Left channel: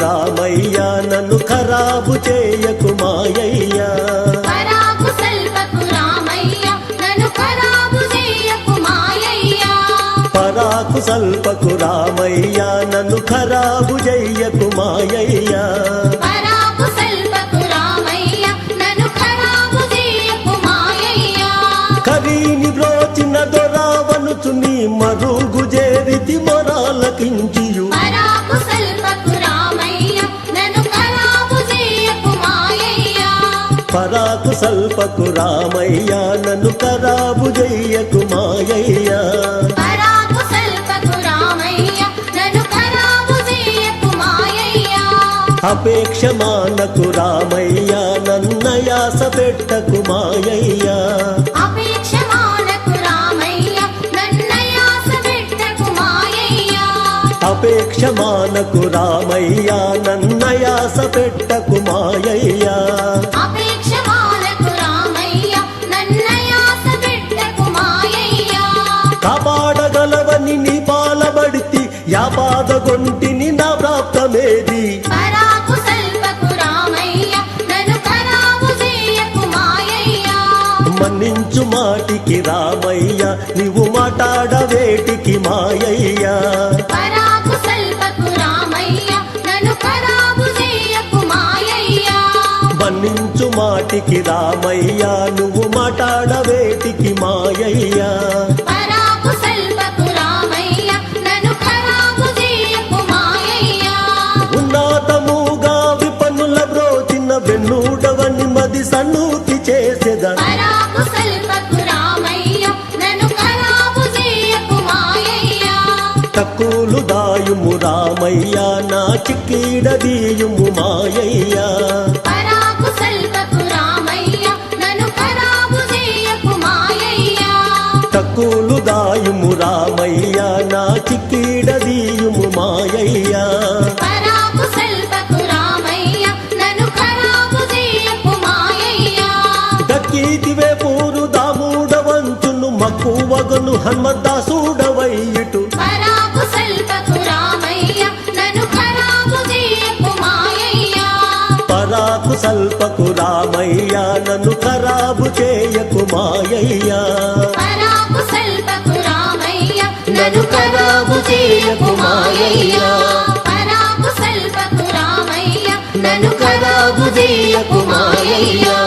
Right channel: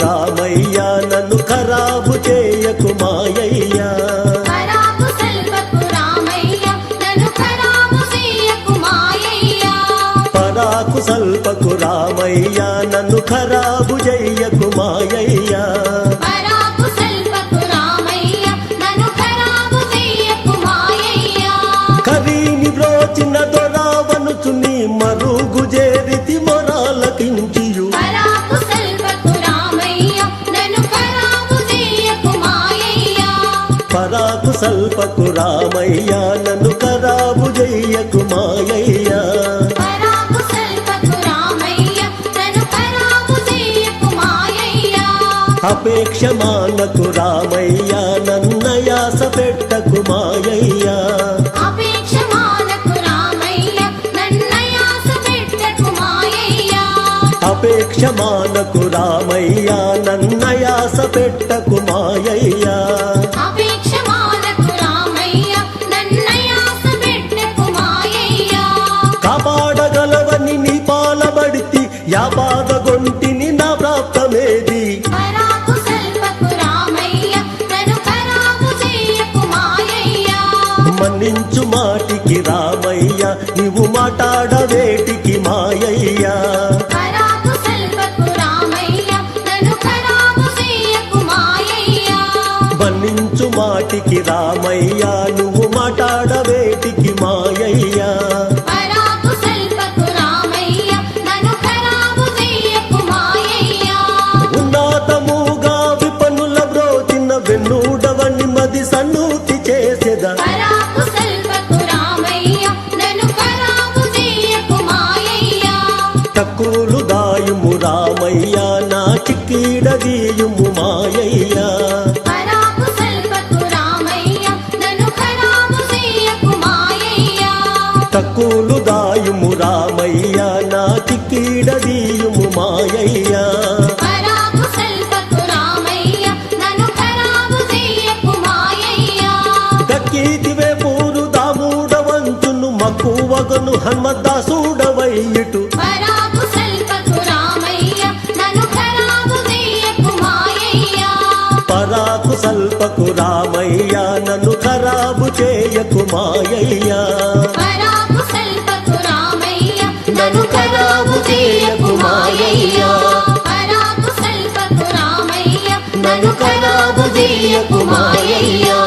రామయ్య నన్ను ఖరాబు చేయకు మాయయ్యా, పరాకు సల్పకు రామయ్య నన్ను ఖరాబు చెయ్యకు మాయయ్యా, కరీని బ్రోచిన దొరావనుచు నీ మరుగు చేరితి మొరాలకించియు, పరాకు సల్పకు రామయ్య నన్ను ఖరాబు చెయ్యకు మాయయ్యా, అపేక్ష మానకు రామయ్య నన్నయాస పెట్టకు మాయయ్యా, అపేక్ష మానకు రామయ్య నన్నయాస పెట్టకు మాయయ్యా, కాపాడగలవని నీ పాలబడితి యా బాధగొంటిని నా ప్రాప్తమేది, మన్నించు మాటికి రామయ్య నీవు మాట్లాడవేటికి మాయయ్యా, మన్నించు మాటికి రామయ్య నువ్వు మాట్లాడవేటికి మాయయ్యా, ఉన్నతముగా విపన్నుల బ్రోచిన వెన్నుడవని మది సన్నూతి చేసేదా, తక్కులు దాయుము రామయ్య నా చిక్కీడదీయుము మాయయ్యా, తక్కులు దాయుము రామయ్య నా చిక్కీడదీయుము మాయయ్యా, దక్కీతివే పూరు దామూడవంచును మక్కువగను హన్మదాసుడవైయిటు, పరాకు సల్పకు రామయ్య నన్ను ఖరాబు చేయకు మాయయ్యా, నన్ను ఖరాబు చేయకు మాయయ్యా, నన్ను ఖరాబు చేయకు మాయయ్యా.